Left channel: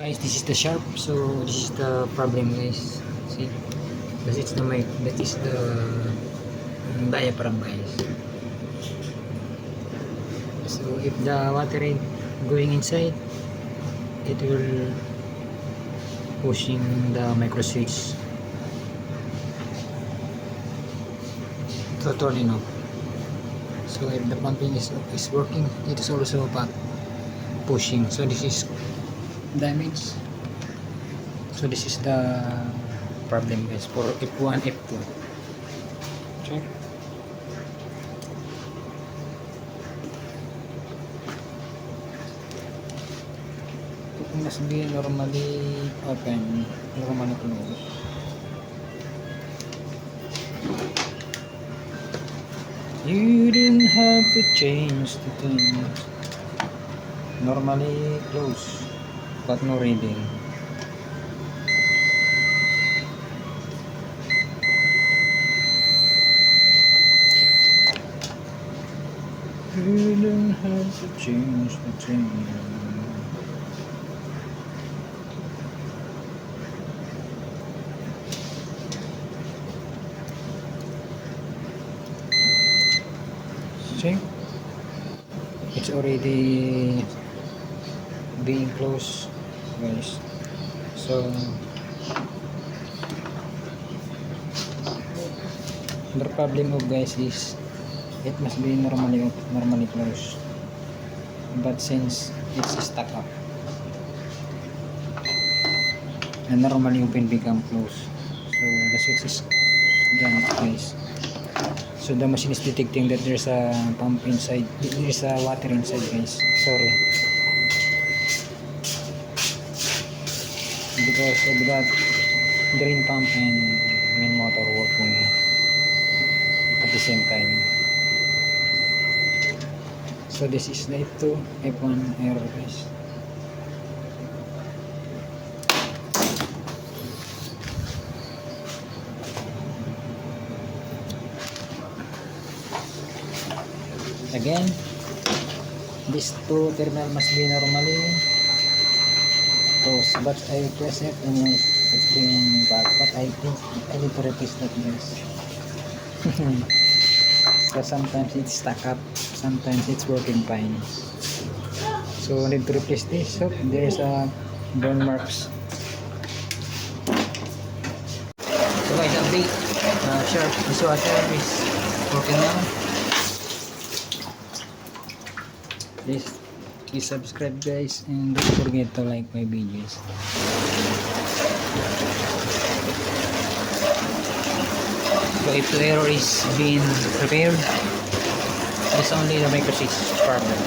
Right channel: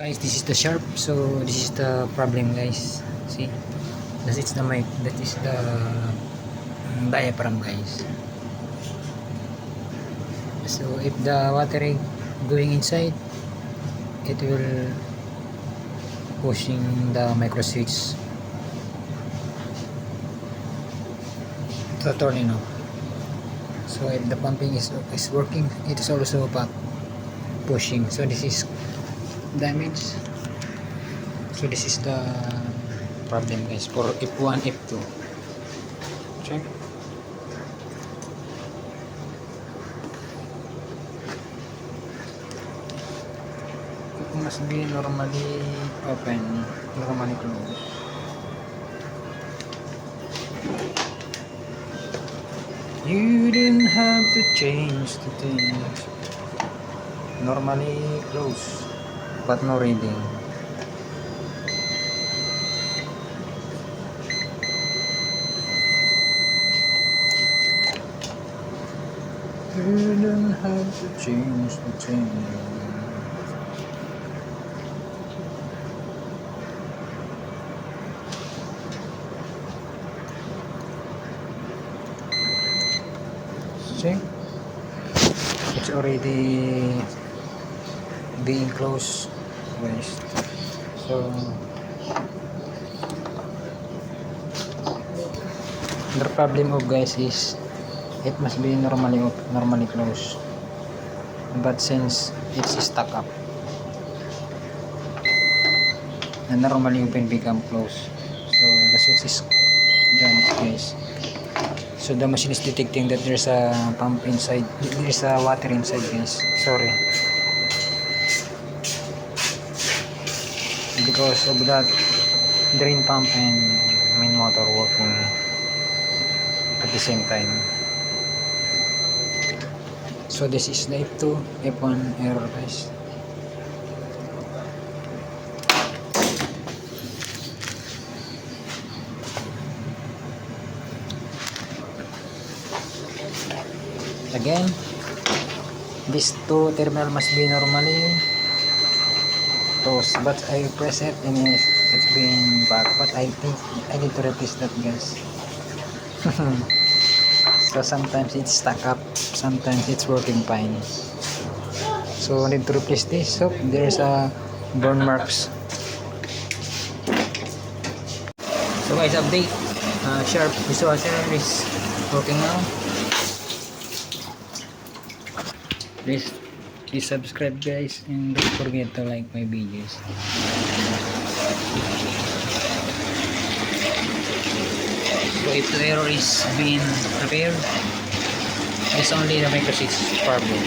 Guys, this is the sharp. So this is the problem, guys. See, that is the mic. That is the diaphragm, guys. So if the water is going inside, it will pushing the micro switch to turn it off. So if the pumping is working, it is also pushing. So this is damage. So this is the problem, guys, for F1, F2. Check. It must be normally open, normally closed. You didn't have to change the thing. Normally close, but no reading. You don't have to change the thing. See? It's already being closed, guys. So the problem of, guys, is it must be normally closed, but since it's stuck up, and normally open become closed, so the switch is done, guys. So the machine is detecting that there's a pump inside, there's a water inside, guys. Sorry, because of that drain pump and main motor working at the same time. So this is the F2, F1 error, guys. Again, these two terminal must be normally closed, but I press it and it's being back. But I think I need to replace that, guys. So sometimes it's stuck up, sometimes it's working fine. So I need to replace this. So there's a burn marks. So guys, update. Sharp dishwasher is working now. Please subscribe, guys, and don't forget to like my videos. So if the error is being repaired, it's only the micro switch problem.